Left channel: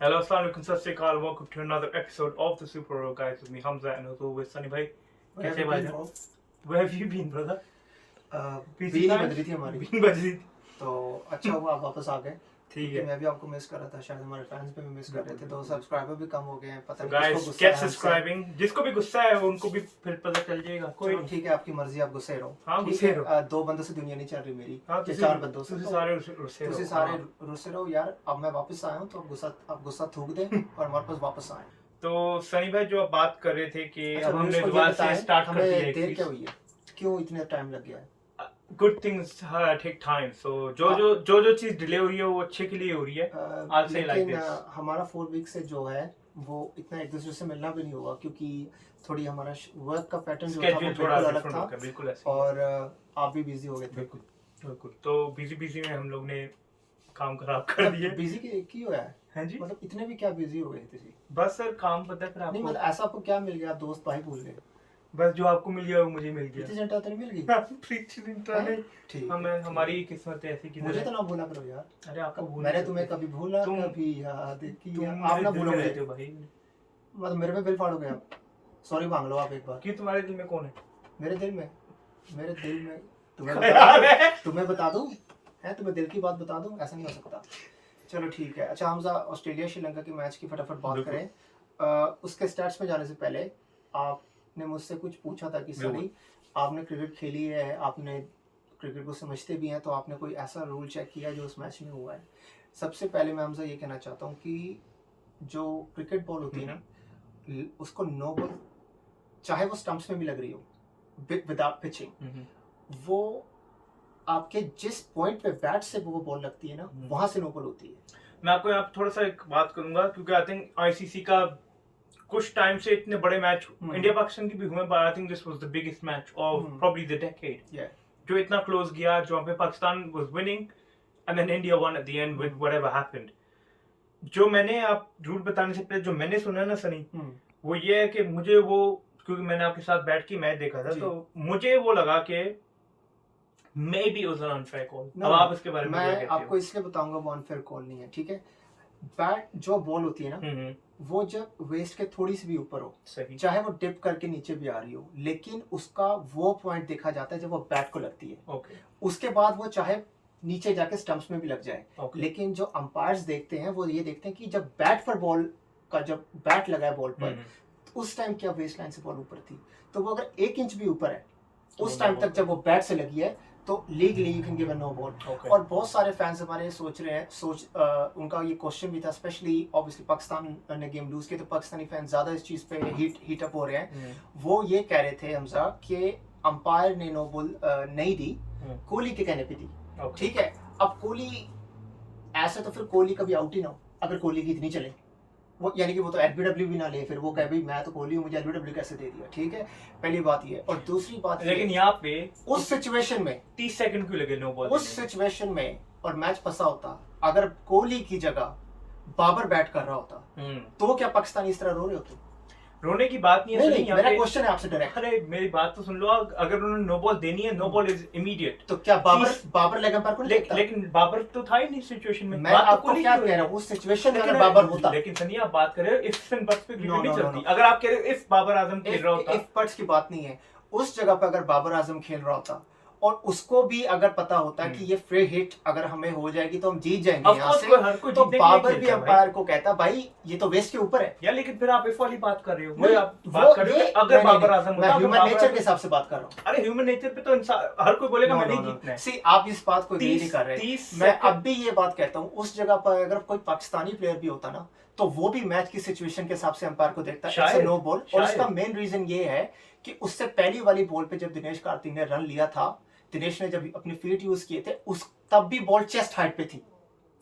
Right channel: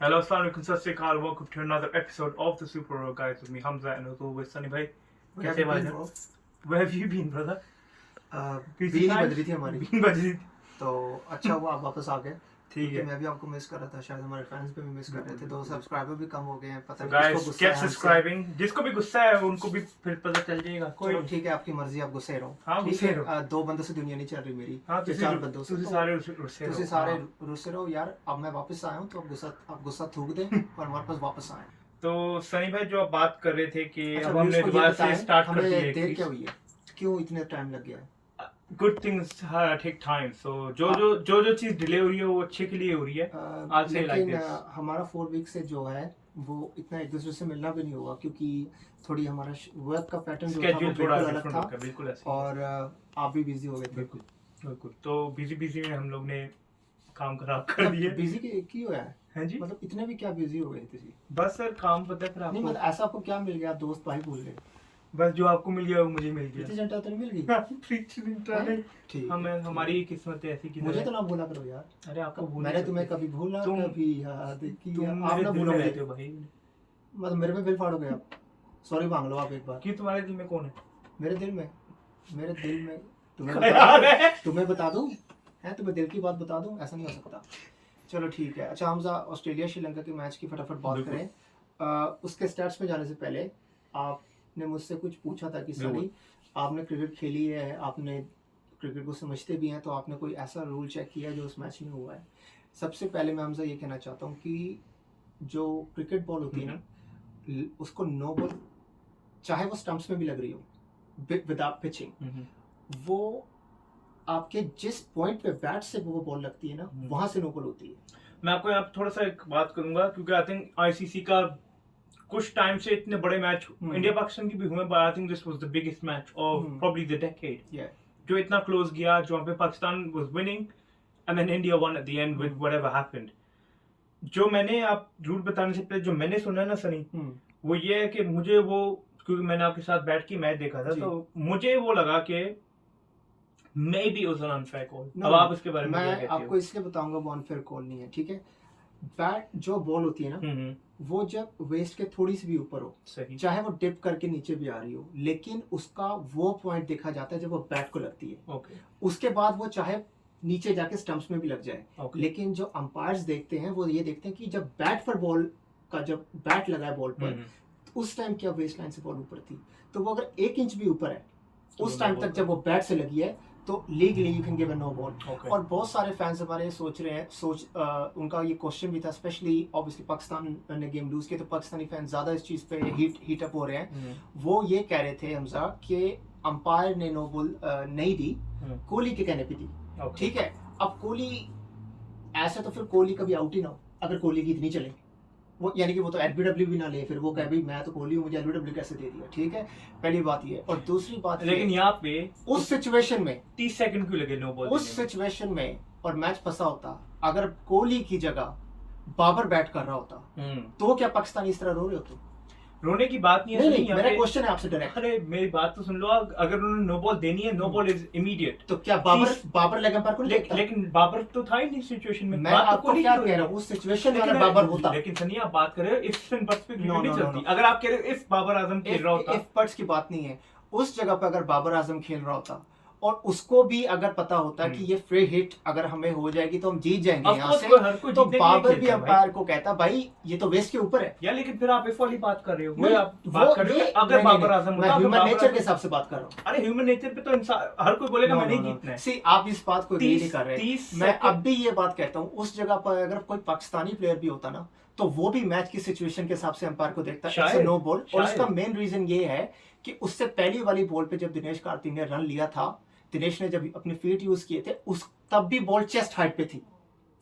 Hello, assalamu alaikum, sat sri akal. Welcome to another episode of the Super Royal Guys with me, Hamza, and as always, Sunny bhai. Where have कैसे you भाई? been, bro? Where have you been, brother? बीन ही बज रही थी हमारी been बज रही थी। तो अच्छा हुआ आप वापस आ गए ठीक क्योंकि है। मैं भी आपको मिस कर रहा था, शायद हमारे फैंस भी मिस कर रहे थे। 2 सब्सक्राइबर भी कम हो गए हैं, पता So नहीं guys, किसको गुस्सा keep है हमसे। subscribing. जिसको भी गुस्सा है उनको भी फिर पता चल जाएगा। कोई चलो ठीक है, आपकी मर्जी, आप गुस्से रहो। हाँ, ठीक गुस्से है, रहो। 2 बंदों से दुनिया नहीं चल रही मेरी, हाँ, या 4 बंदों से। तुझे तो सारे रुस्से तुझे रहो। सारे हाँ। रुस्से रहो यार। अब मैं वापस आया हूँ तो आप गुस्सा थूक दें और हमारे पास वापस आए। तो सनी भाई जो आप बात कर रहे थे कि अच्छा, अब हमने दोबारा से स्टार्ट कर दिया हमें है देर क्या हुई है, क्यों इतना टाइम लग गया है? Good things take time. So जो चीज डिले हो रही है वो अच्छे के लिए हो रही है। I'll say like लेकिन this. हमारा 4 वीक से जो है वो इतना एक दूसरे से मिलना भी नहीं होगा, क्योंकि थोड़ी हमारा वर्क का पैटर्न जो था वो स्केड्यूल थोड़ा बिल्कुल अलग डिफरेंट था हो गया, बिल्कुल ऐसे ही। और आप भी बिजी हो गए थे। बिल्कुल बिल्कुल। तो बिजी में हम लोग ने काम खराब कर दिया। बिजी की हुआ है, हैं जी? मतलब इतने भी क्या बिजी हो गए थे जी? बस सर काम पता है फिर नहीं आपको। मतलब ऐसा आपको क्या मिल गया, दोस्त भाई भूल गए? बस जो आपको मिल गया वो मुझे मिल प्रीति गया। जिंटा तो नहीं मिल गई? प्रीति जिंटा हैं? नहीं। ठीक हमें है, हमारी किस्मत ऐसी की मुझे तो ना भूला करो यार। अरे आपको भूल मैंने नहीं तुम्हें सकते। कभी भूला तुम- कभी याद किया, तुम आप मेरे ना दिल में भूलो रहते मुझे। हो भाई। मतलब मेरे पे बिल फाड़ोगे आप? सॉरी मांग लो आप एक बार। कि तुम्हारे दिल में कौन है? मेरे दिल में तुम्हें ख्याल है। तुम्हें बता दूं? है तुम्हें दिल की बात बता दूं? ऐसा नहीं हो सकता। चलो ठीक है। अच्छा हमजा, ऑस्ट्रेलिया श्रीलंका के मैच की फटाफट बात बिल्कुल। करें। उसके स्टैट्स में जाने से पहले आपने मुझसे कुछ पूछा था कि सनी आपने क्रिकेट खेली है, आपने क्रिकेट को समझते भी हैं, तो आपने कोई ऐसा रूल चेक किया जो उस मैच में हुआ है? सबसे पहले मैं हमजा ये कहना चाहता हूँ कि जो क्रिकेट बॉल होती है ना, उसको नो बॉल, चाहे वो स्टंप्स में भी लग रही हो विदाउट पिचिंग, वो आपके जिस पॉइंट पे बैट से वो बॉल लगती है ना, वहां से नो बॉल होती है। मैं आपको यहाँ पे थोड़ा सा एक बात करूंगा क्योंकि आई थिंक आईसीसी का कुछ टाइम से इतने बड़े मैच इंडिया पाकिस्तान की भी हुए, but I think this was the biggest match of probably the decade. जो इतना क्लोज गया, जो पे Pakistan was winning and then India won at the end with whatever happened. जो मैंने आप रूल बताने से पहले जो मैंने सुना है ना सनी, वो ये है कि मुझे वो, क्योंकि मैंने आपके साथ बैठ के मैच देखा था, तो मुझे वो लगा कि may be was an unfair call. अब आप इसके बारे में क्या मैं कहते हो? आपको इसलिए बताऊंगा वो अनफेयर कॉल नहीं है, ठीक है? बैट जो बॉल होती है ना, वो जब वेस्ट के थोड़ी सी भी ऊपर हो, सही, चाहे वो डिप करके नीचे भी आ रही हो, लेकिन उसका वो पॉइंट देखा जाता है जब वो बैट को लगती है। ओके, उसके बाद वो चाहे नीचे जाके स्टंप्स में भी लग जाए, ओके, लेकिन जो अंपायर्स देखते हैं वो ये देखते हैं कि जब बैट पर बॉल का, जब बैट लगा है बॉल पर, उस टाइम क्या वेस्ट लाइन से बॉल ऊपर थी, तो वो अगर 1 इंच भी ऊपर है उस टाइम तक जब वो बैट से लगी है, तो legally you can give a no ball. और बहुत सारे फैंस हमारे सोच रहे हैं, उनका ये क्वेश्चन भी था, स्पेशली ऑब्वियसली पाकिस्तान ने गेम लूज किया तो पाकिस्तानी फैंस ज्यादा इस चीज पे हीट अप हो रहे हैं। वो ये कह रहे थे हमजा कि अंपायर ने नो बॉल नहीं दी, कोहली के कहने पे दी। ठीक है, अब कोहली ऐसा, तो फिर कोहली कभी आउट ही ना हो अगर कोहली की इतनी चले, वो यानी कि वो तो एलबीडब्ल्यू भी ना ले, फिर वो कहे भाई मैं तो कोहली हूँ, मुझे एलबीडब्ल्यू कैसे दे दिया। ठीक है, पहली बात ये। और दूसरी बात, लेकिन यहाँ पे उस सिचुएशन में 30 सेकंड क्यों लगे नो बॉल? उस सिचुएशन में और मैच फंसा होता, अगर कोहली की जगह बाबर बैट कर रहा होता, तो क्या पाकिस्तानी इस तरह रो रहे होते? रोने की बात नहीं है। नहीं, मेरा क्वेश्चन है आपसे डायरेक्ट। अरे मेरी बात तो सुन लो, अगर उन्होंने नो बॉल देनी है, नो बॉल इज इमीडिएट। तो क्या बाबर लेग अंपायर को नहीं देखता? लेकिन बाबर तो था ही नहीं सिचुएशन में। मैं आपको क्या कह रहा हूँ, उस सिचुएशन में अगर बाबर होता। लेकिन सनी आप बात कर रहे हो इफ एंड बट्स पे क्रिकेट नहीं चलती। no. अगर आप कह रहे हो इफ बाबर आजम खेल रहा होता, इफ बट्स की बात नहीं है। उस जगह पर अगर बाबर आजम खेल रहा होता और उसको भी अगर पता होता है कि ये फ्री हिट अगर हमें हो जाएगी तो हम जीत जाएंगे यहाँ से, तो बाबर भी अंपायर को कहता भाई ये तो वेस्ट के ऊपर है यार। लेकिन फिर आप इस वाली बात कर रहे हो, नहीं, आप बात कर रहे हो अगर बाबर आजम होता, ह्यूमन नेचर के हिसाब से बात कर रहा हूँ। अरे ह्यूमन नेचर पे तो इंसान हर कोई बोलेगा मैंने जीतना है। सी आप इस बात को एग्री नहीं कर रहे। मैं अब भी ये बात कहता हूँ, उस जगह पर अगर कोई पाकिस्तानी प्लेयर भी होता ना, तो वो भी मैच की सिचुएशन के हिसाब से अंपायर को देखता है नो बॉल। और उसका मेन रीजन ये है कि उससे पहली वाली बॉल पे जब दिनेश कार्तिक ने रन लिया था, दिनेश ने जब अपनी फीट यूज किए थे, उस तब भी बॉल चेस्ट हाइट पे थी,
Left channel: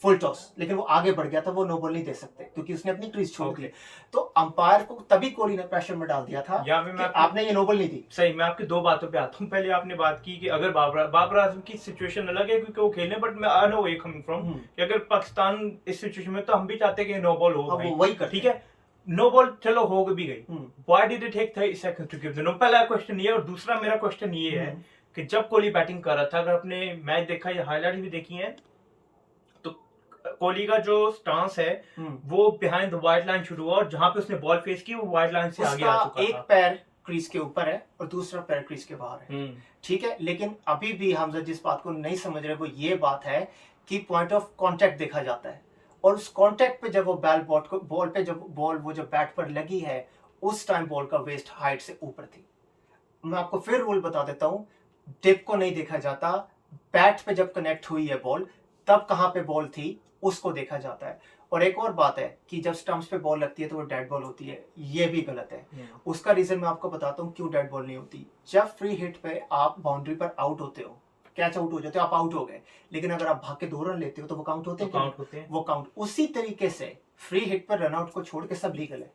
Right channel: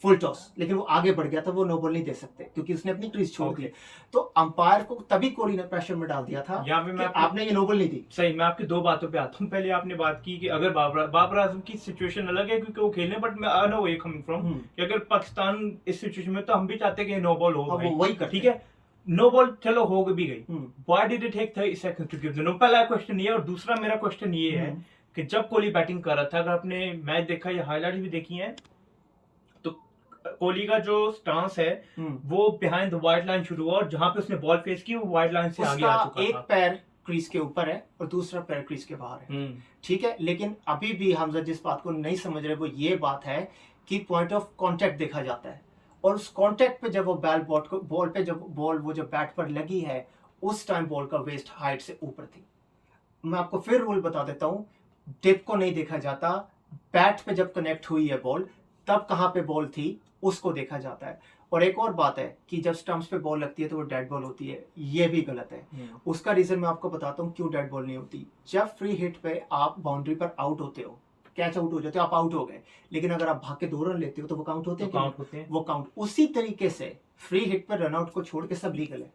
फुल टॉस, लेकिन वो आगे बढ़ गया था, वो नो बॉल नहीं दे सकते क्योंकि उसने अपनी क्रीज छोड़ दी। तो अंपायर को तभी कोहली ने प्रेशर में डाल दिया था कि आपने ये नो बॉल नहीं दी। सही, मैं आपकी 2 बातों पे आता हूँ। पहले आपने बात की कि अगर बाबर आजम की सिचुएशन अलग है क्योंकि वो खेलने, बट मैं I know where coming from कि अगर पाकिस्तान इस सिचुएशन में, तो हम भी चाहते हैं कि नो बॉल हो भाई, वही कर, ठीक है। नो बॉल चलो हो भी गई, why did it take 30 seconds to give the no? पहला क्वेश्चन ये। और दूसरा मेरा क्वेश्चन ये है कि जब कोहली बैटिंग कर रहा था, अगर आपने मैच देखा या हाईलाइट्स भी देखी हैं, तो कोहली का जो स्टांस है वो बिहाइंड द वाइड लाइन शुरू हुआ और जहां पे उसने बॉल फेस की वो वाइड लाइन से आगे आ चुका एक था। पैर क्रीज के ऊपर है और दूसरा पैर क्रीज के बाहर है, ठीक है। लेकिन अभी भी हमजा जिस बात को नहीं समझ रहे वो ये बात है कि पॉइंट ऑफ कांटेक्ट देखा जाता है और उस कांटेक्ट पे जब वो बॉल पे जब बॉल वो जो बैट पर लगी है उस टाइम बॉल का वेस्ट हाइट से ऊपर थी। मैं आपको फिर रूल बता देता हूँ, टिप को नहीं देखा जाता, बैट पे जब कनेक्ट हुई है बॉल तब कहाँ पे बॉल थी उसको देखा जाता है। और एक और बात है कि जब स्टंप्स पे बॉल लगती है तो वो डेड बॉल होती है, ये भी गलत है। उसका रीजन मैं आपको बताता हूँ क्यों डेड बॉल नहीं होती। जब फ्री हिट पे आप बाउंड्री पर आउट होते हो, कैच आउट हो जाते हो, आप आउट हो गए, लेकिन अगर आप भाग के 2 रन लेते हो तो वो काउंट होते हैं, वो काउंट। उसी तरीके से फ्री हिट पर रनआउट को छोड़ के सब लीगल है,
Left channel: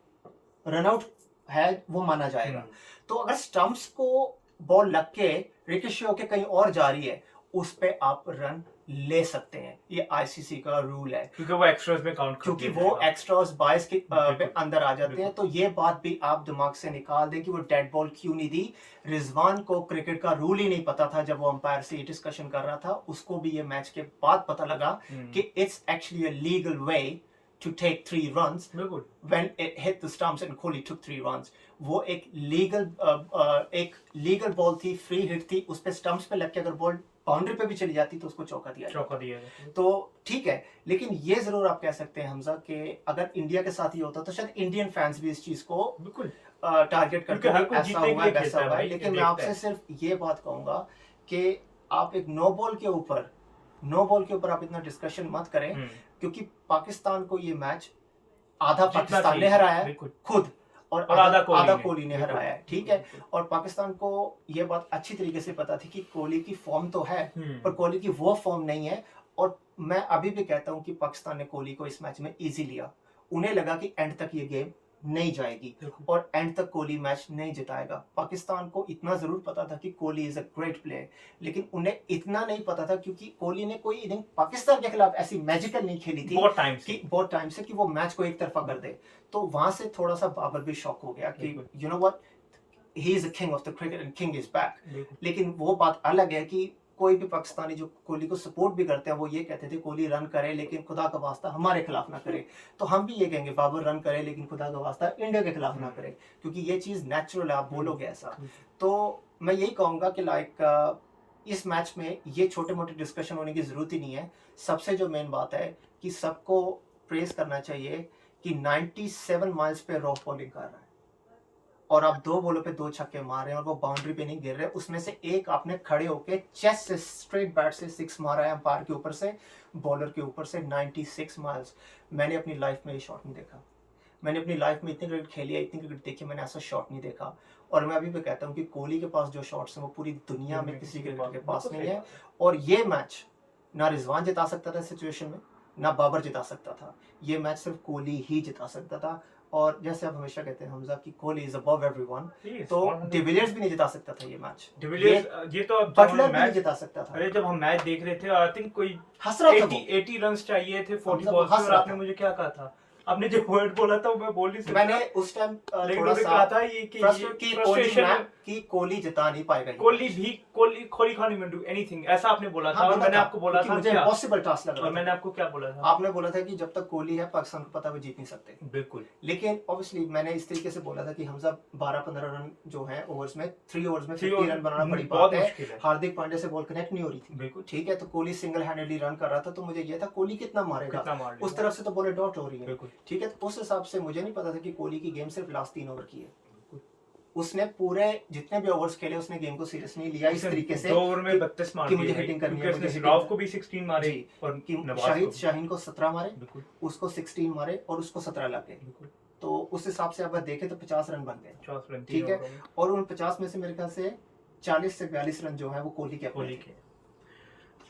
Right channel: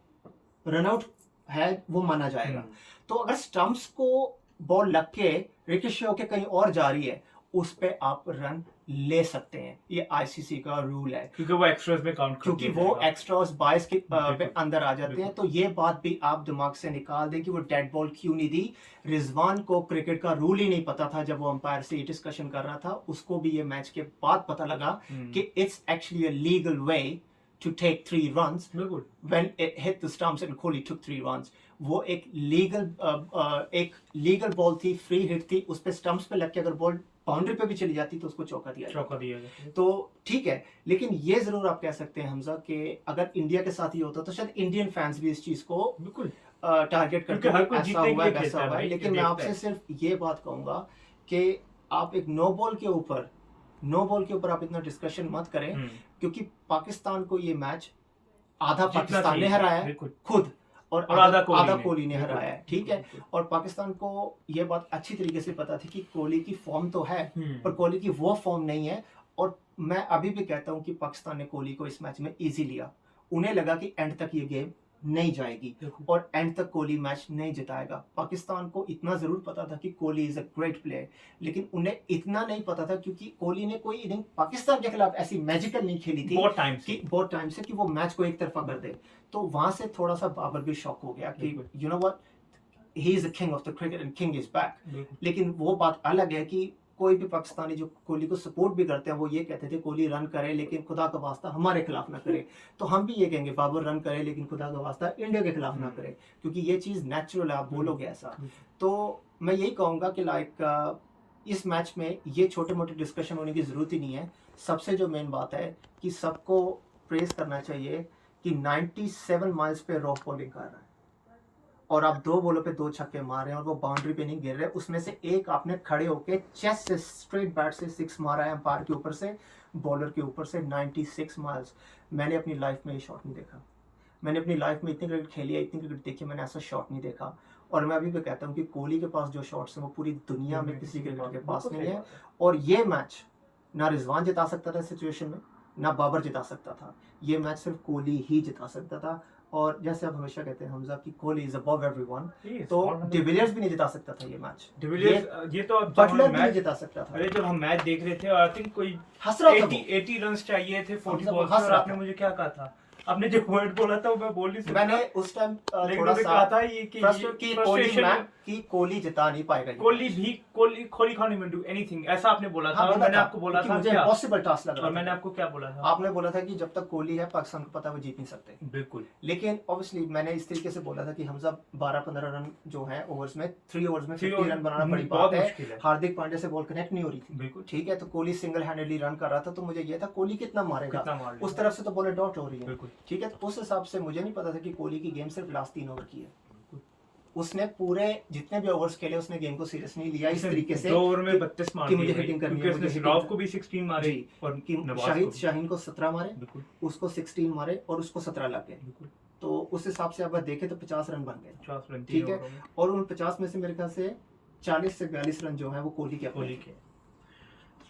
रनआउट है वो माना जाएगा। तो अगर स्टंप्स को बॉल लग के रिकॉशेट होके कहीं और जा रही है उस पे आप रन ले सकते हैं, ये आईसीसी का रूल है, क्योंकि वो एक्स्ट्रास में काउंट क्योंकि वो एक्स्ट्रास 22 के पे अंदर आ जाते हैं। तो ये बात भी आप दिमाग से निकाल दें कि वो डेड बॉल क्यों नहीं दी। रिजवान को क्रिकेट का रूल ही नहीं पता था जब वो अंपायर से ये डिस्कशन कर रहा था, उसको भी ये मैच के बाद पता लगा कि it's actually a legal way to take 3 runs when it hit the stumps and Kohli took 3 runs. वो एक लीगल बॉल थी, फ्री हिट थी, उस पे स्टंप्स पे लग के अगर बॉल बाउंड्री पे भी चली जाती तो उसको चौका दिया जाता। तो ठीक है, लेकिन ये जरूर आप कह सकते हैं हमजा कि अगर इंडिया के साथ ही होता तो शायद इंडियन फैंस भी इस चीज को बिल्कुल टारगेट करते हैं, ऐसा हुआ वैसा हुआ। लेकिन मैं आपसे सिर्फ ये बात कहूंगा कि आप एक नो बॉल के ऊपर आप इतना डिस्कशन मत करें, क्योंकि पाकिस्तान को ये मैच आधा पाकिस्तान ने हराया है खुद और आधा कोहली ने हराया है, ठीक है। और पाकिस्तान को ये बात अच्छी तरीके से पता थी कि कोहली की फॉर्म तो है पर कोहली की वो फॉर्म नहीं है। और मैं अभी भी कहता हूं कि पाकिस्तान ने कोहली को इस मैच में इजी लिया, उन्हें लगा कि एंड तक ये गेम नहीं जाएगी और एंड तक कोहली मैच नहीं जिताएगा। पाकिस्तान को इतना जरूर पता था कि Kohli is a great player, लेकिन उन्हें इतना नहीं पता था क्योंकि कोहली ने कोई इनिंग पाकिस्तान के खिलाफ ऐसी मैजिकल नहीं खेली थी बहुत टाइम से कि वो मैच को एक तरफा कर दे। तो वहां से थोड़ा सा बाबर भी शॉक हो गया कि you know what, he is a king of the cricket and king is back. लेकिन वो बात अलग है कि कोई भी पाकिस्तानी जो कोहली को सपोर्ट भी करते हैं वो ये कहते थे कोहली रन करे लेकिन खुदा का वास्ता हमारे खिलाफ ना करे। तो हम भी ये कहेंगे बाबर रन करे लेकिन खुदा का वास्ता इंडिया के खिलाफ ना करे, क्योंकि ये चीज़ नेचुरल है, आप बोलोगे ऐसा। तो मैं यही कहूँगा कि लाइक इस मैच में ये छोटे मोटे डिस्कशन होने की ज़रूरत ही नहीं है। सबसे जो मेन बात है कि सबको प्रेस करना चाहिए कि 97 माइल्स पे रॉफ बॉलिंग कर रहा है और आप 2 बॉलों पे 2 छक्के मार रहे हैं और वो बाउंड्री पे नहीं गिर रहे। उसमें से एक आपने खड़े होके चेस्ट से स्ट्रेट बैट से 6 मारा है, अंपायर के ऊपर से, बॉलर के ऊपर से 96 माइल्स। मैंने अपनी लाइफ में ये शॉट नहीं देखा, मैंने अपनी लाइफ में इतनी क्रिकेट खेली है, इतनी क्रिकेट देखी, मैंने ऐसा शॉट नहीं देखा। और मैं अभी भी कहता हूँ कि कोहली के पास जो शॉट्स हैं वो पूरी दुनिया में किसी क्रिकेटर के पास नहीं है। और ये मैच ना रिजवान जिता सकता था इस सिचुएशन में, ना बाबर जिता सकता था, ये मैच सिर्फ कोहली ही जिता सकता था। और जैसे आप हमेशा कहते हैं हमजा कि कोहली इज अबव एवरीवन, तो डिविलियर्स भी नहीं जिता सकता था ये मैच, डिविलियर्स ये तो बटलर भी नहीं जिता सकता था। अरे जब हम मैच देख रहे थे आई थिंक कोई हंस रहा था, 80 रन्स चाहिए थे 40 बॉल्स पे, और आपने मुझे क्या कहा था, आपने जो वर्ड बोला था मैं बोल नहीं सकता। मैंने उस टाइम थोड़ा सा कहा था ये कि फ्रस्ट्रेशन कि कोहली जिता नहीं पाएगा, Kohli can't even do anything ऐसा आपने बोला था। और मैंने आपको बोला था मुझे इम्पॉसिबल टास्क लग रहा था। और मैंने आपको क्या बोला था, आपने बोला था कि जब तक कोहली है पाकिस्तान को पता है वो जीत नहीं सकते। बिल्कुल। लेकिन ऑब्वियसली मैंने इस तरीके से बोला था कि हमजा 12-15 रन जो है ओवर्स में 3 ओवर्स में 50 रन बनाना बड़ी बात है। हार्दिक पांड्या से बॉल कनेक्ट नहीं हो रही थी, बिल्कुल ठीक है। तो कोहली सिंगल हैंडेडली रन कर रहा था, तो मुझे ये था कोहली कितना मारेगा, उस तरफ से तो बॉल डॉट हो रही है, ठीक है। उस हिसाब से मुझे नहीं पता था कि कोहली की गेम सिर्फ लास्ट 3 ओवर की है। उसने पूरे जितने भी ओवर्स खेले उसने गेम को सीरियस नहीं लिया इस तरीके से 2 ओवर में 32 मार कि मुझे हिटिंग करनी है, उसने सिराव को भी 16 मारे और शाहीन को 17 मारे, उसको 16 मारे और उसको 17 लाके। तो उस हिसाब से अगर देखें तो 50 रन बन गए, ठीक है। और उन 50 में से मेरे ख्याल से 40 से 42 रन जो है वो कोहली के,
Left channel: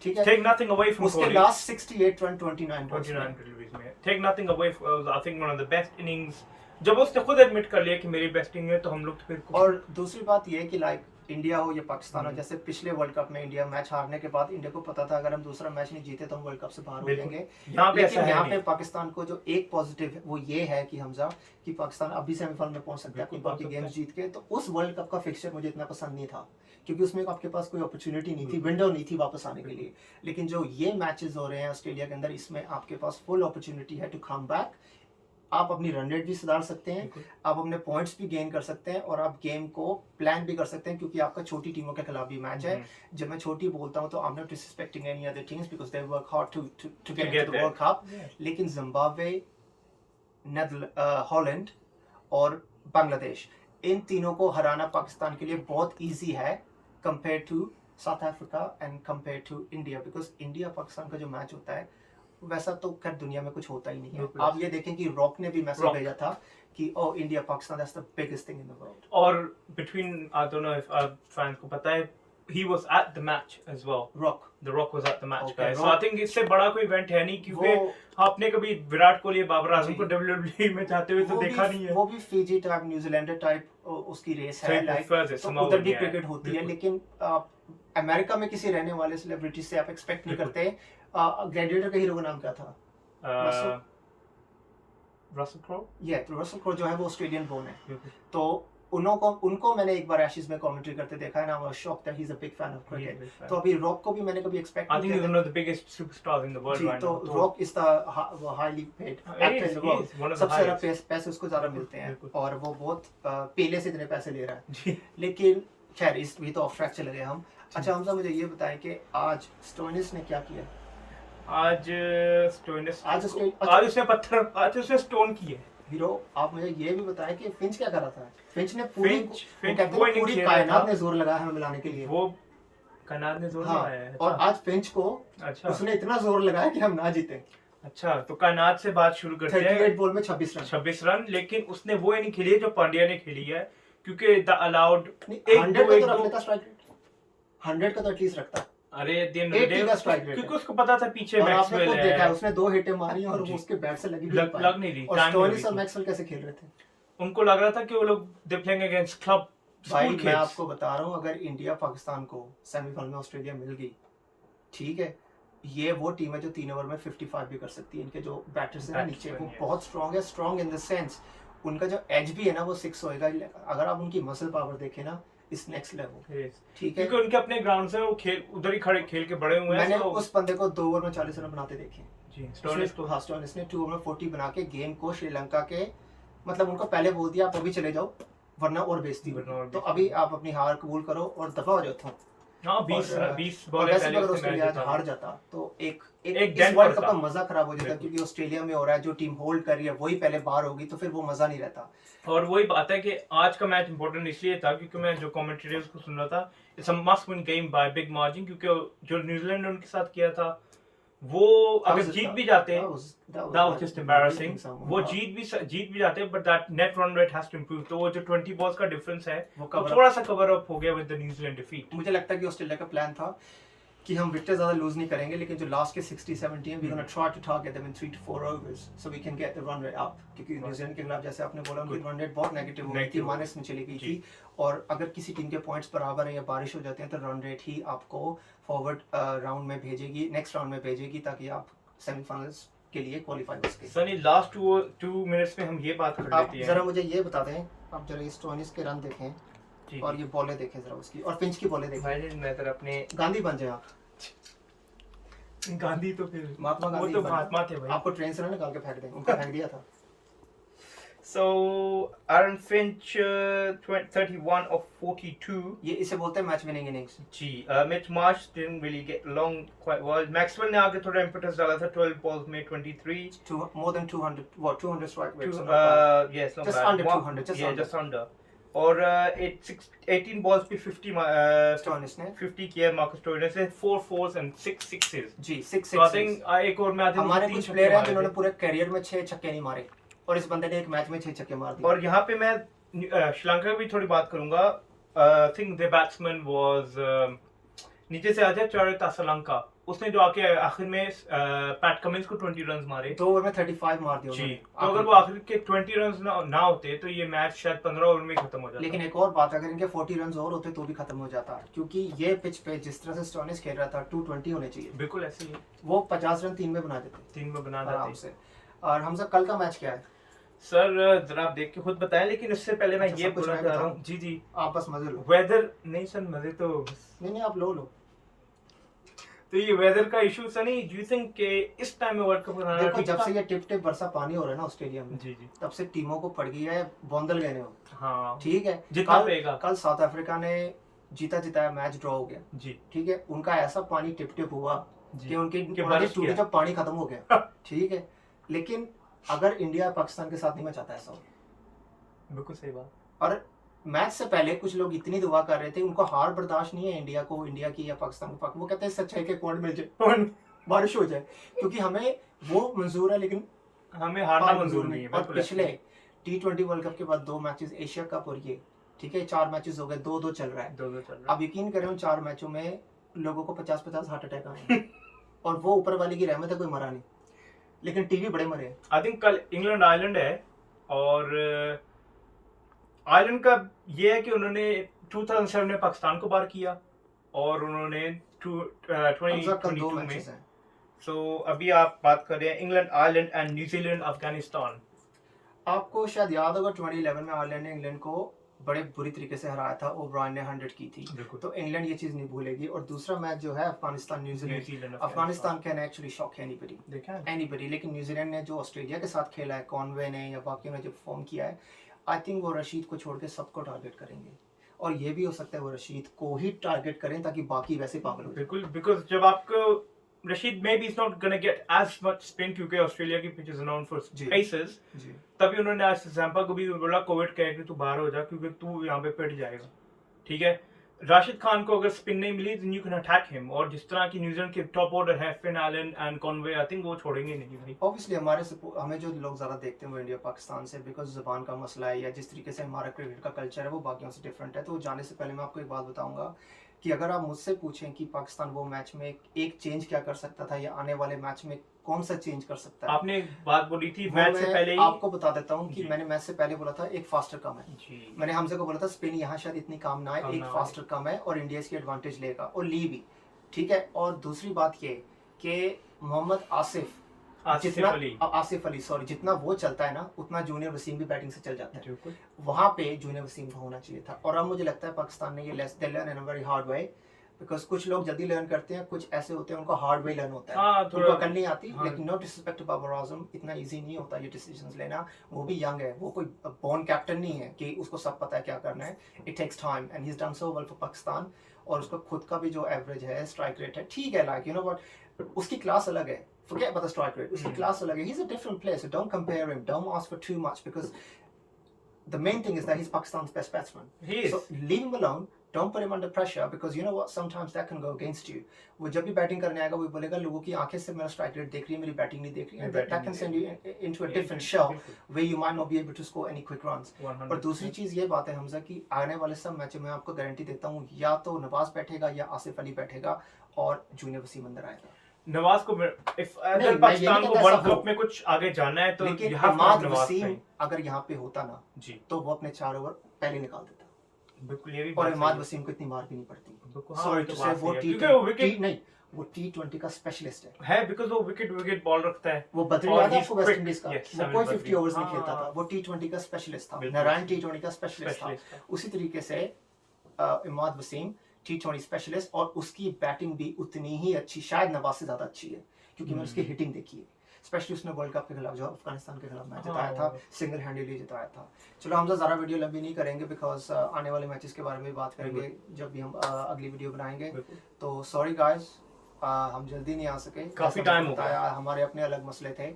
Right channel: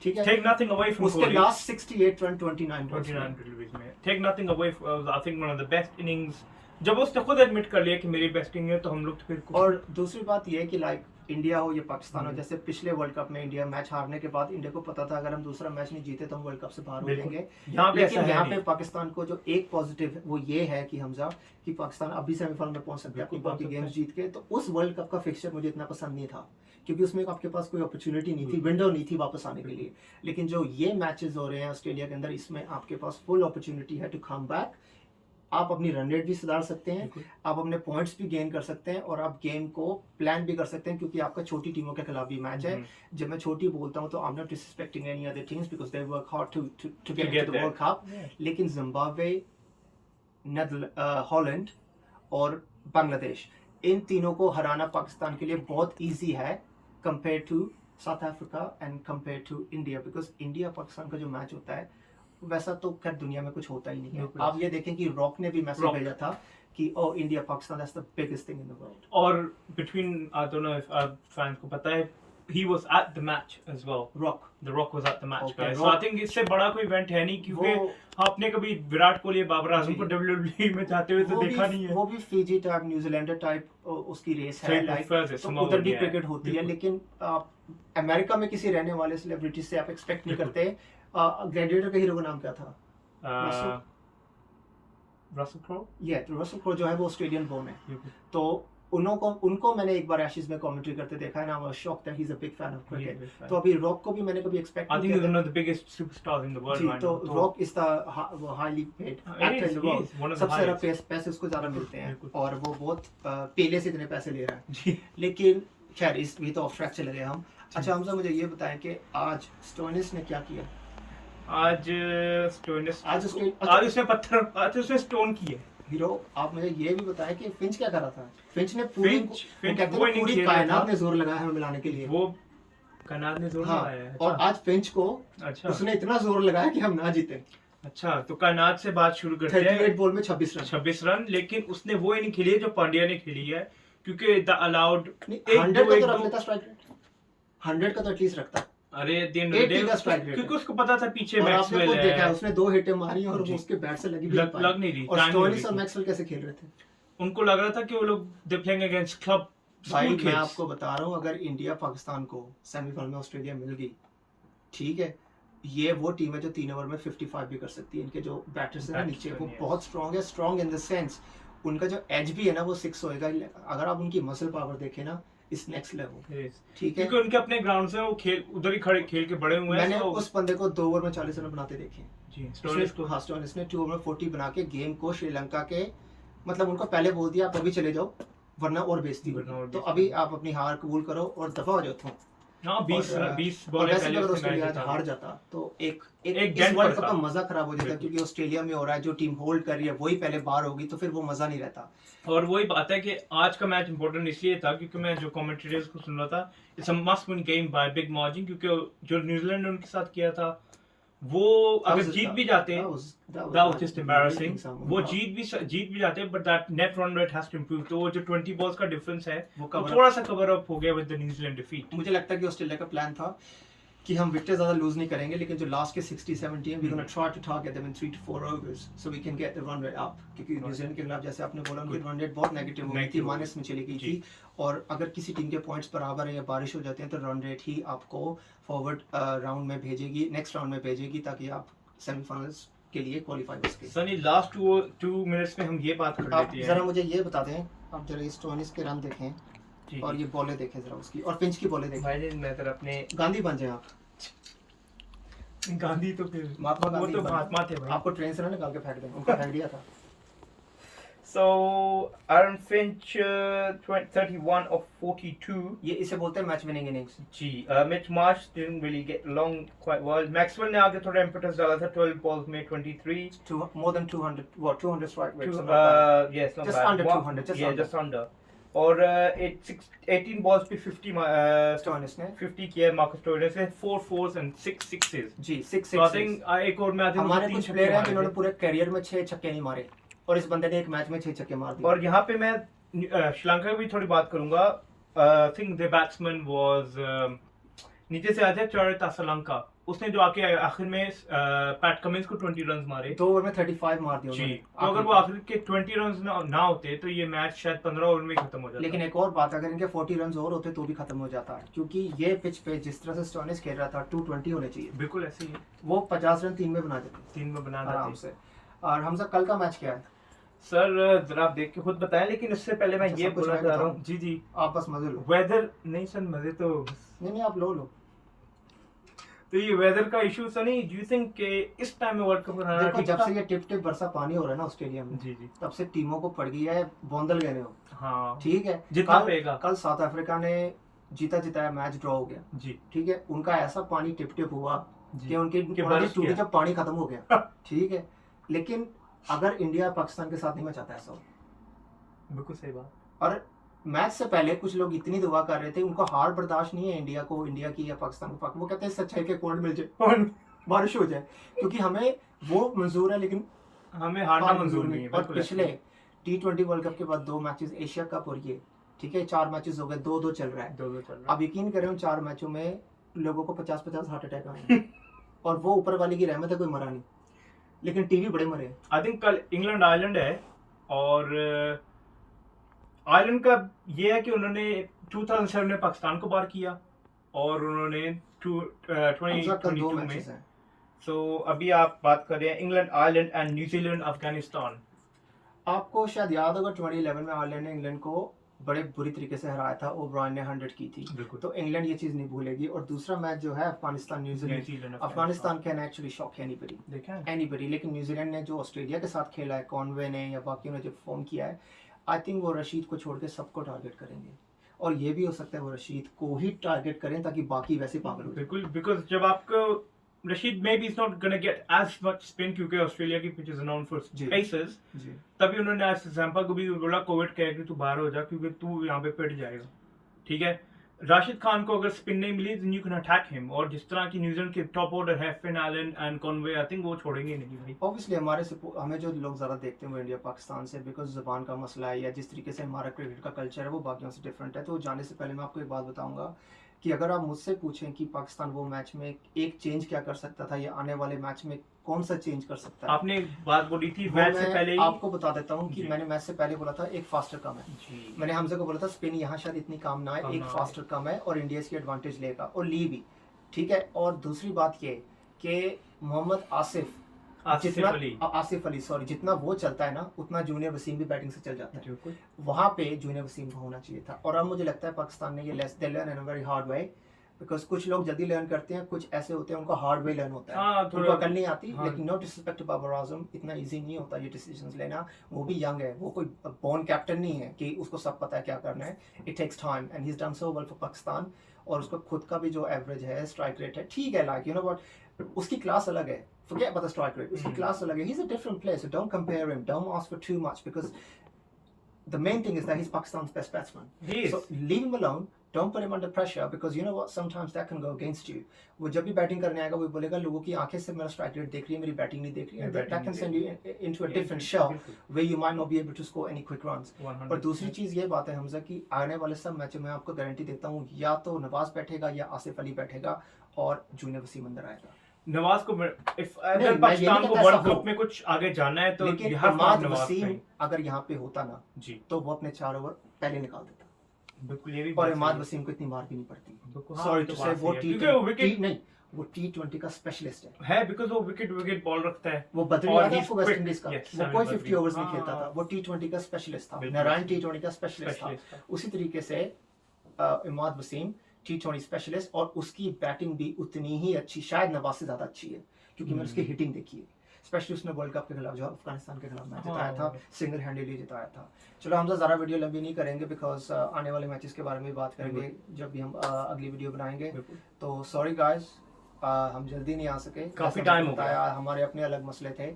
ठीक है। Take nothing away from उसके लास्ट 68 रन 29 डिलीवरीज में, take nothing away from, I think one of the best innings। जब उसने खुद एडमिट कर लिया कि मेरी बेस्ट इनिंग है तो हम लोग तो फिर। और दूसरी बात ये है कि लाइक इंडिया हो या पाकिस्तान हो, जैसे पिछले वर्ल्ड कप में इंडिया मैच हारने के बाद इंडिया को पता था अगर हम दूसरा मैच नहीं जीते तो हम वर्ल्ड कप से बाहर हो जाएंगे। लेकिन यहाँ पे पाकिस्तान को जो एक पॉजिटिव वो ये है कि हमजा कि पाकिस्तान अभी सेमीफाइनल में पहुंच सकता है फुटबॉल की गेम्स जीत के। तो उस वर्ल्ड कप का फिक्सचर मुझे इतना पसंद नहीं था क्योंकि उसमें आपके पास कोई अपॉर्चुनिटी नहीं थी, विंडो नहीं थी वापस आने के लिए। लेकिन जो ये मैचेस हो रहे हैं ऑस्ट्रेलिया के अंदर, इसमें आपके पास फुल अपॉर्चुनिटी है टू कम बैक। आप अपनी रन रेट भी सुधार सकते हैं, आप अपने पॉइंट्स भी गेन कर सकते हैं, और आप गेम को प्लान भी कर सकते हैं, क्योंकि आपका छोटी टीमों के खिलाफ भी मैच है। जब मैं छोटी बोलता हूं तो I am not disrespecting any other teams because they work hard to get into the world cup. लेकिन जिम्बाब्वे, हॉलैंड और बांग्लादेश, इन तीनों को हराना पाकिस्तान के लिए बहुत ईजी है compare to South Africa and compare to India, because India Pakistan का जो मैच होता है वैसा तो खैर दुनिया में कुछ होता ही नहीं है। आप ये देखें कि रॉक ने भी मैसेज भेजा था कि ओ India Pakistan that's the biggest thing in the world. और between I don't know if आप फैंस को पता है, he was at the match as well. The Rock was at the match, guys. So I think इससे बड़ा कोई event है नहीं, क्योंकि आपने कभी विराट कोहली, बाबर आजम को WWE में जाते हुए तो देखा नहीं है। वो भी फिजी टाइप, न्यूजीलैंडर टाइप उसकी रेस है, लाइक तो उधर भी क्रिकेट होती है। लेकिन अमेरिका में किसी रहने वाले सेलिब्रिटी से आप एक्सपेक्ट नहीं करते। ग्लैडिएटर के हीरो का नाम क्या था? Russell crow. तो रसल क्रो जो है वो ऑस्ट्रेलियन बोर्न है। तो उनको मैंने एक बार एशेज में कमेंट्री करते देखा है ना, I was shocked that he is a big fan of cricket. तो अभी रॉक को भी मैंने कभी एक्सपेक्ट नहीं किया। I think he's one of the biggest superstars in the world right now. तो rock is the highly paid actor in the world, सबसे ज्यादा पैसे उसको ज्यादा मिलते हैं, और वो बहुत पहले से इतने पैसे ले रहा है। लेकिन खैर इस भी तो ऑफ ट्रैक चले गए हम। अच्छा हमजा, मुझे ये बताएं कि आज स्टोइनिस ने क्या किया? आज उसने स्टोन किया हीरो। आप मुझे ये भी बताएं कि फिंच क्या कर रहा था? फिंच ने पूरी कायनात ने जोर लगाया हमें मिलाने के लिए। वो कायनात ने जोर लगाया है। और आज फिंच को उसने इतना जोर लगाया कि हम ना जीते। अच्छा, तो कायनात से बात शुरू करते हैं। 38 बॉल में 26 रन, लेकिन उसने वो नहीं खेली है जो पांड्या ने खेली है, क्योंकि द अलाउड 100 का तो रख लेता स्ट्राइक रेट, 100 का तो एटलीस्ट रखता। अरे क्योंकि उसको पता था पीछे मैक्सवेल है। देखा उसने 2 हिटें मारी और वो उसके बैट से लग नहीं रही। और स्टोइनिस और मैक्सवेल कैसे खेल रहे थे? उनको लग रहा था कि वो लोग दे प्लेइंग अगेंस्ट क्लब। भाई मैं आपको बता रहा हूँ, अगर इंडिया पाकिस्तान को सेमीफाइनल में ऑस्ट्रेलिया मिल गई, ठीक है, ये वो टीम है जो 3 ओवर में 55 भी कर सकती है। इनके जो बैटर्स हैं नीचे वो बहुत स्ट्रांग है। स्ट्रांग इन द सेंस उनका जो एज भी है ना वो 6 होएगा। अगर आप उनकी मसल पावर देखें ना, इस नेक्स्ट लेवल, ठीक है, क्योंकि उनके अपने ग्राउंड से वो खेल उधर ही खड़े खेल के बड़े हुए हैं। मैंने उस बंदे को 2 ओवर में 40 रन बनाते देखे जी। स्टोइनिस ने 2 ओवर में 40 बना के गेम को श्रीलंका के, मतलब उनको पहले बोल दिया आप अभी चले जाओ वरना और बेइज्जती होगी, तो अभी आप अपनी हार कबूल करो और दफा हो जाओ। 20 बॉल पहले अगर ऑस्ट्रेलिया हार जाता तो एक वर्ल्ड कप का मजा खराब हो जाता, क्योंकि ऑस्ट्रेलिया में हो रहा है, जो टीम होल्ड कर रही है वही पहले बाहर होगी, तो फिर वो मजा नहीं रहता। और वही बात है कि आज का मैच इंपॉर्टेंट इसलिए था क्योंकि मैं जो कमेंटेटर्स को सुन रहा था, it's a must win game by big margin, क्योंकि जो न्यूजीलैंड ने उनके साथ किया था वो अगर जीत भी जाते, that was just embarrassing. वो जीत भी जाते, but that net run rate has to improve. तो वो जो 20 बॉल्स का डिफरेंस है वो थोड़ा सा कवर अप हो गया विद द न्यूजीलैंड डिफीट। मुझे लगता है कि ऑस्ट्रेलिया का प्लान था कि हम विकेट ज्यादा लूज नहीं करेंगे, लेकिन जो लास्ट के 60-70 हैं, we gonna try to target them in 3 to 4 overs so we can get the run rate up, क्योंकि न्यूजीलैंड के खिलाफ जैसे आपने बोला उनकी रन रेट बहुत नेगेटिव हो गई थी, माइनस में चली गई थी। और अगर किसी टीम के पॉइंट्स बराबर है या बारिश हो जाते हैं तो रन रेट ही आपको फॉरवर्ड राउंड में भेजेगी, नेक्स्ट राउंड में भेजेगी, ताकि आप सेमीफाइनल्स के लिए क्वालीफाई हो सके। सनी लास्ट 2 मिनट्स में हम ये बात कर लेते हैं। जरा मुझे ये बता दें, आप जरा स्टोइनिस के रन देखें और ये बॉलें देखें जरा उसकी, और पिंच की बॉलें देखें। भाई मैं तेरा अपने गांधी बन जाए आप। गांधी तो फिर महात्मा गांधी, वो तो महात्मा थे भाई, आपको ट्रेन से ना निकाल के फेंक दें, उनका फेंक दिया था। So Aaron Finch 31 of 42. ये इसे बोलते हैं मैच विनिंग इनिंग्स जी। Mitch Marsh didn't really get along quite well. Maxwell ने आगे थोड़ा impetus डाला था, 12 balls में 23. More than 200, what 200 strike rates? Yes, not just bad. Under 200, just under. और 18 balls पे 50 स्टोइनिस ने 50 किया मार्कस स्टोइनिस ने, 4 fours and 6 sixes ji. 6 So I think एक और मैच हमारे कुछ प्लेयर हैं जिन्होंने पूरे करियर में 6 छक्के नहीं मारे, और इस बंदे ने एक मैच में 6 छक्के मार दिए। और यहाँ पे मैं श्रीलंका की भी थोड़ी बात करूंगा। I think the batsman was नीचे से आते चारित असलंका, उसने जो आके आखिर में पैट कमिंस को 20 रन मारे, 2 ओवर में 35 मार दिए जी। तो अगर वो आखिर के 20 रन ना होते तो ये मैच शायद 15 ओवर में खत्म हो जाता। लेकिन एक और बात, अगर इनके 40 रन और होते तो भी खत्म हो जाता है, क्योंकि ये पिच पे जिस तरह से स्टोइनिस खेल रहा था 220 होने चाहिए। बिल्कुल ऐसे ही वो 50 रन 3 में बना देते, 3 में बना आराम देते। से। और हमसे कल का मैच क्या है? सर जरा आप देख के खुद बताएं, लेकिन उससे पहले मैं अच्छा, ये सब कुछ बोलना मैं चाह रहा बताऊं? हूँ। जी जी, आप बस मजे लो। वेदर नहीं सर, मजे तो नहीं आप लो। तो ये वेदर का इशू सा नहीं, डू यू थिंक कि इस टाइम में वर्ल्ड कप कराना देखो ठीक जब था? से ये टिप टिप बरसा पानी हो रहा है ना ऑस्ट्रेलिया में, जी जी, तब से टीमों को पड़ गई है बौंदल गए हो। हाँ ठीक है, जितना कल पेगा। कल साउथ अफ्रीका ने जीता जिताया मैच ड्रॉ हो गया। जी ठीक है, उनका ऐसा पानी टिप टिप हुआ जी कि उनकी कि उन्होंने बरस टूटी गया। जब पानी खत्म हो गया। ठीक है, लेकिन अगर इंडिया पाकिस्तान के साथ नहीं, मैं चाहता ऐसा हो। बिल्कुल सही बात। और मैच से पहले कुछ लोग इतनी दुआ कर रहे थे, उनको हार बर्दाश्त नहीं है इंडिया को, इंडिया की या पाकिस्तान को। वो कहते हैं सच्चाई के पॉइंट मिल जाए, बारिश हो जाए, क्योंकि हमें वो मंजूर है लेकिन हमें हारना मंजूर नहीं है। और बिल्कुल पिछले T20 वर्ल्ड कप के बाद 2 मैचेस एशिया कप और ये, ठीक है 4 मैचेस हो गए, 2-2 चल रहा है। 2-2 चल रहा अब यकीन करें उन 4 मैचों में लोगों को 50-50 हार्ट अटैक आए और वो ऊपर वाले की रहमत है, कोई मरा नहीं, लेकिन टीवी बड़े मरे हैं। आई थिंक कल इंग्लैंड आयरलैंड है, और आयरलैंड का ये है कि उन्होंने 2007 में पाकिस्तान को पार किया, और उन्होंने कल 2 2022 में। मैचेस हैं। सो अभी आप बात कर रहे हैं England Ireland and New Zealand Afghanistan. आपको शायद याद होगा 2011 में आयरलैंड ने इंग्लैंड को बड़े बुरी तरीके से हराया था, ओब्रायन ने 100 की थी, तो इंग्लैंड ये चीज नहीं भूलेगी। और दूसरा मैच जो है Afghanistan New Zealand, Afghanistan can actually shock anybody, लेकिन न्यूजीलैंड ने जो ऑस्ट्रेलिया के साथ खेला है, कॉनवे ने या बाकियों ने जो फॉर्म किया है, आई थिंक वो रशीद को छोड़ के सबको टारगेट करेंगे, और ये भी हो सकता है वो रशीद को ही टारगेट करें ताकि बाकी वैसे पागल हो जाए। बिल्कुल, बिकॉज जब आपको Rashid maybe is not gonna get as much spin, क्योंकि ऑस्ट्रेलिया की pitch is known for paces, तभी उन्होंने आज जैम्पा को भी बोला कोविड कहे कि तू बाहर हो जा, क्योंकि तू यहाँ पे पिट जाएगा। ठीक है, राशिद खान को अगर स्पिन नहीं मिली तो यू कैन अटैक हिम, और जिस तरह की न्यूजीलैंड के टॉप ऑर्डर है, Finn Allen and Conway, I think वो छोड़ेंगे नहीं भाई। ऑब्वियसली हमें जो लोग ज़्यादा देखते हैं वो इंडिया पाकिस्तान से, बिकॉज ज़बान का मसला है या जिस तरीके से हमारा क्रिकेट का कल्चर है वो बाकियों से डिफरेंट है। तो जाने से पहले मैं आपको एक बात बताऊंगा कि अगर आप मुझसे पूछें कि पाकिस्तान वो मैच में एक चेंज क्या कर सकता था या आने वाले मैच में कौन सा चेंज कर सकता है, आपने एक बात बोली थी मैच से पहले ही। आपको बता देता हूँ कि मैंने मैच से पहले बोला था एक फास्टर कम है। मैंने हमसे को बोला था स्पिन यहाँ शायद इतनी काम ना है, एक फास्टर कम है और इंडिया इसकी एडवांटेज लेगा, और ली भी। ठीक है, और दूसरी बात ये कि मोहम्मद आसिफ अली सॉरी, जितना वो चलता है ना उतना जूनियर वसीम भी बैटिंग से चल जाता है, वहां पे जूनियर वसीम का होना चाहिए था। और अब मुझे लगता है पाकिस्तान ने ये learn in a very hard way, because कुछ लोग जल्दी लर्न करते हैं, कुछ ऐसे होते हैं उनको हार्ड वे लर्न होता है, उनको अकल नहीं आती। लेकिन no disrespect to Babar Azam, इतना इजी नहीं होता ये डिसीजंस लेना, वो भी यंग है, वो कोई बॉर्न कैप्टन नहीं है कि उसको सब पता है क्या करना है। It takes time and he is done so well for Pakistan, और उसका खुद का भी जो एवरेज है, स्ट्राइक रेट है, ठीक है, लाइक यू नो व्हाट, उसकी क्लास अलग है, forget about the strike rate, उसकी क्लास अलग है, he's a different player, so don't compare him, don't ask for too much, because the main thing is that he's Pakistan's best batsman. He is. So leave him alone, don't put him under pressure, because you know what, sometimes that can go against you. वो जब भी batting करने आएगा वो बोलेगा लोगों की आंखें से मेरा स्ट्राइक रेट देख रही है, मेरी बैटिंग नहीं देख रही है, that can send you into a different shell where you might not be able to score any quick runs. और दूसरी चीज ये बात है हमजा कि आने वाले सब मैचों में आपको गारंटी देता हूँ या तो नवाज बैठेगा या आसिफ अली बैठेगा और जूनियर वसीम अंदर आएगा। नवाज को अगर पाकिस्तान को वर्ल्ड कप में कुछ आगे जाना है तो इमाद वसीम अगर यहाँ पे होता ना जी, तो वो अपने 4 ओवर पहले निकाल देता। बिल्कुल, ये भी और इमाद वसीम को इतनी मार भी नहीं पड़ती। सॉरी टू से वो T20 का स्पेशलिस्ट है बिकॉज़ वो विकेट बॉल रखता है। वो बदरी याद है आपको वेस्ट इंडीज का, वो कोई 50 ओवर्स नहीं खेलता था, वो T20 का स्पेशलिस्ट था, नारायण T20 का स्पेशलिस्ट था। उसी तरीके से इमाद वसीम T20 स्पेशलिस्ट, और उसकी बैटिंग भी उतनी ही अच्छी, शायद नवाज से ज्यादा अच्छी है, क्योंकि मैंने उसकी हिटिंग देखी है, स्पेशली उसने वर्ल्ड कप के खिलाफ जो अफगानिस्तान के खिलाफ मैच जिताया था, सिंगल हैंडली जिताया था। चलो हम ज़्यादा वीडियो लंबी नहीं करेंगे, बिकॉज आने वाले मैचेस के बारे में बात करेंगे जब भी हम अगली वीडियो बनाएंगे। तो सॉरी गाइस, हम जल्दी नहीं आ सके, काफ़ी टाइम हो गया, हमारे अपने अलग मसले थे,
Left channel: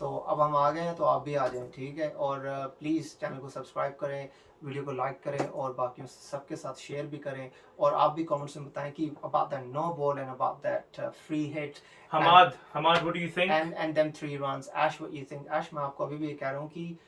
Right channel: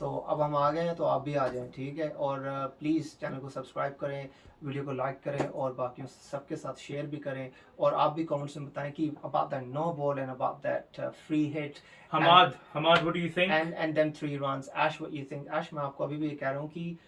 तो अब हम आ गए हैं, तो आप भी आ जाएं, ठीक है। और प्लीज़ चैनल को सब्सक्राइब करें, वीडियो को लाइक करें और बाकी सबके साथ शेयर भी करें, और आप भी कमेंट्स में बताएं कि about that no ball and about that free hit, Hamad what do you think, and then 3 runs, Ash what you think. Ash, मैं आपको अभी भी ये कह रहा हूँ कि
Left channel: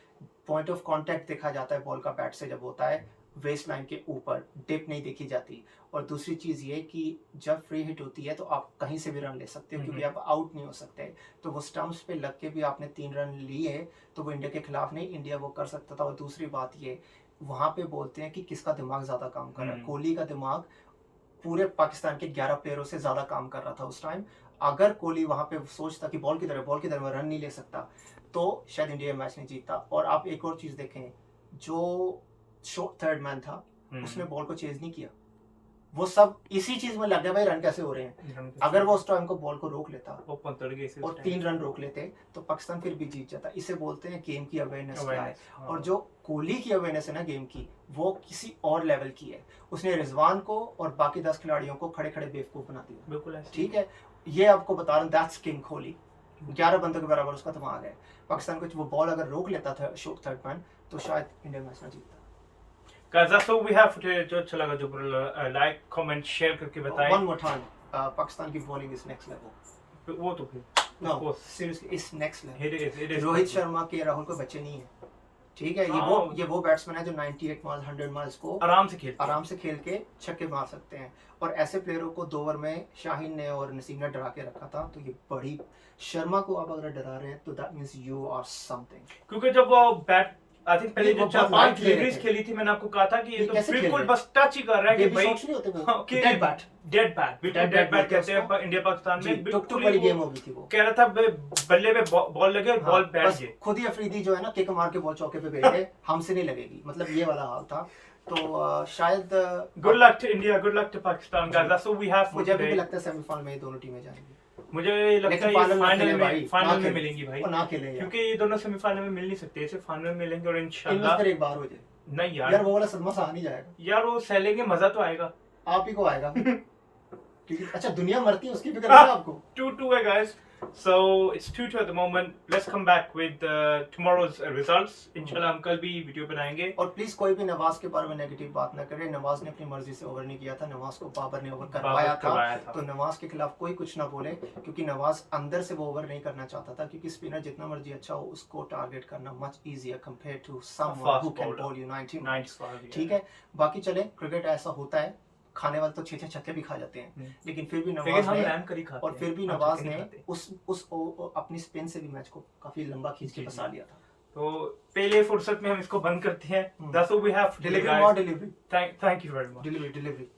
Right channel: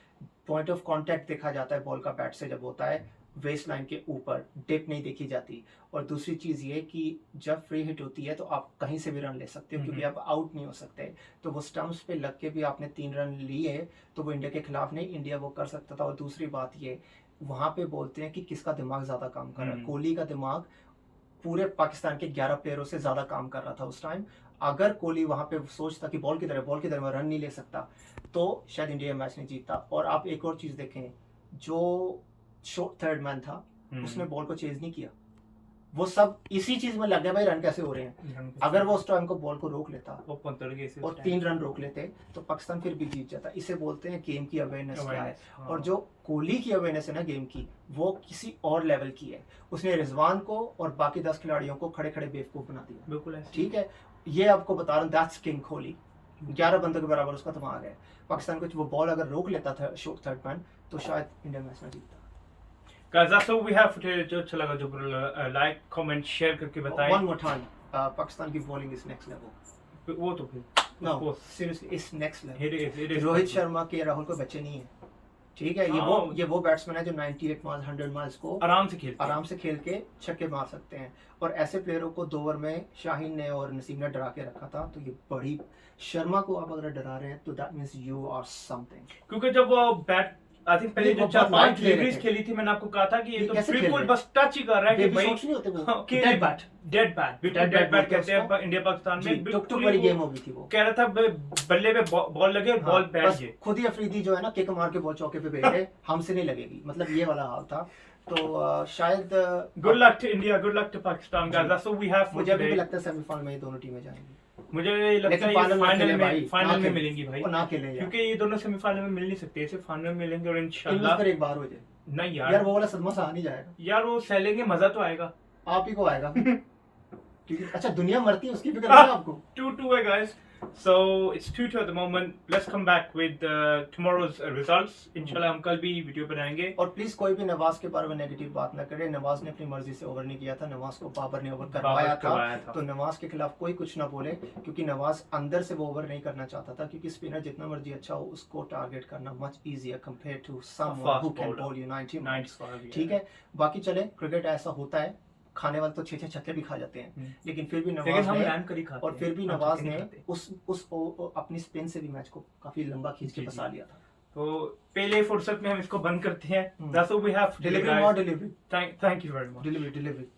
पॉइंट ऑफ कांटेक्ट देखा जाता है बॉल का बैट से जब होता है, वेस्ट लाइन के ऊपर डिप नहीं देखी जाती। और दूसरी चीज़ ये कि जब फ्री हिट होती है तो आप कहीं से भी रन ले सकते हो, क्योंकि आप आउट नहीं हो सकते। तो वो स्टंप्स पे लग के भी आपने 3 रन लिए तो वो इंडिया के खिलाफ नहीं, इंडिया वो कर सकता था। और दूसरी बात ये, वहाँ पे बोलते हैं कि किसका दिमाग ज़्यादा काम कर रहा है, कोहली का दिमाग पूरे पाकिस्तान के 11 प्लेयरों से ज़्यादा काम कर रहा था उस टाइम। अगर कोहली वहां पे सोचता कि बॉल की तरह मैं रन नहीं ले सकता, तो शायद इंडिया मैच नहीं जीतता। और आप एक और चीज देखें, जो थर्ड मैन था उसने बॉल को चेज नहीं किया, वो सब इसी चीज में लग गया भाई रन कैसे हो रहे हैं। अगर वो उस टाइम को बॉल को रोक लेता और 3 रन रोक लेते तो पाकिस्तान फिर भी जीत जाता। इसे बोलते हैं गेम की अवेयरनेस क्या है। और जो कोहली की अवेयरनेस है ना गेम की, वो किसी और लेवल की है। उसने रिजवान को और बाकी 10 खिलाड़ियों को खड़े खड़े बेवकूफ बना दिया। बिल्कुल ठीक है, ये आपको बता रहा हूँ, दैट्स किंग कोहली। 11 बंदों के बराबर उसका दिमाग है। पाकिस्तान को वो बॉल अगर रोक लेता था थर्ड मैन, तो शायद इंडिया मैच ना जीतता। Guys, that's all we have for today. जो अच्छा लगा जो लाइक कमेंट शेयर करके बताएं। One more time, पाकिस्तान की बॉलिंग इज नेक्स्ट लेवल। वो तो फिर No, seriously, it's next level. it is Rohit Sharma के राहुल को बच्चे नहीं है। ठीक है, ये वो बैट्समैन है जो 98 माइल्स 100 माइल्स को आराम से खेल के छक्के मार सकते हैं। और ऐसे प्लेयरों को 2 ओवर में शाहीन ने और नसीम ने डरा के रखा था। तो ये बड़ी, शर्मा को आप अगर डरा रहे हैं तो that means you are something. क्योंकि जब वो बैट आई थिंक पहले वो जो बहुत 4-5 light ले रहे डिलीवरीज थे। खेली थी, मैंने आपको कहा था कि ये ये तो कैसे खेल बिल्कुल रहे? बस टच ही कर रहा है कि Baby भाई shots नहीं होते वो, कि dead bat। Dead bat Dead bat bat बोलते हैं कहते हैं उसको। इंडिया पाकिस्तान जी, में। टुक बिल्कुल बड़ी ही गेम वो हो गई थी वो। कह रहा था बल्ले पे बॉल लगे, बॉल हाँ, बैठ बस गए। खुद ही अफरीदी जो है ना किक मार के बॉल चौके पे भेज दे, हमसे नहीं लगेगी, मतलब ये वाला हाल था। तो शायद good luck to India, good luck to Pakistan guys, that's all we have for मुझे अभी भी टुडे। लगता है सेमीफाइनल में ये दोनों टीमें जाएंगी। मुझे लगता लेकिन है ये फाइनल फाइनल में मिलेंगी भाई, वो ना खेले यार। क्योंकि ये दोनों सेमीफाइनल में मिल नहीं सकते, सिर्फ फाइनल में मिलेंगे। और इनमें इंशाल्लाह फिर एक बार हो जाए नहीं यार, वो वाला सदमा सहा नहीं जाएगा। यार वो सहलेंगे, मजा तो आएगा। आप ही को आएगा क्योंकि अच्छा दुनिया मरती है उसकी फिक्र नहीं है आपको। 2-2 है guys, so it's 2-2 at the moment. Let's come back with tomorrow's results. इंशाल्लाह हम कल भी वीडियो बनाएंगे। और प्लीज कोई भी नवाज के बारे में नेगेटिव बात ना करे। नवाज ने अपनी मर्जी से ओवर नहीं किया था, नवाज को बाबर ने ओवर करवाया था। तो नवाज के खिलाफ कोई कुछ ना बोले, क्योंकि नवाज अंदर से वो ओवर नहीं करना चाहता था। क्योंकि स्पिनर जितना मर्जी अच्छा हो, उसको टारगेट करना much easier compare to someone who can bowl you 90। ठीक है, बाकी चले, क्रिकेट ऐसा होता है, खाने वाले तो 6-6 छक्के भी खा जाते हैं, लेकिन फिर भी नवाज ने और फिर भी नवाज ने उस अपनी स्पिन से भी मैच को काफी लंबा खींच के फंसा लिया था। तो पहले फुर्सत में हम इसको बंद करते हैं। That's all we have. Delivery Thank you very much. Delivery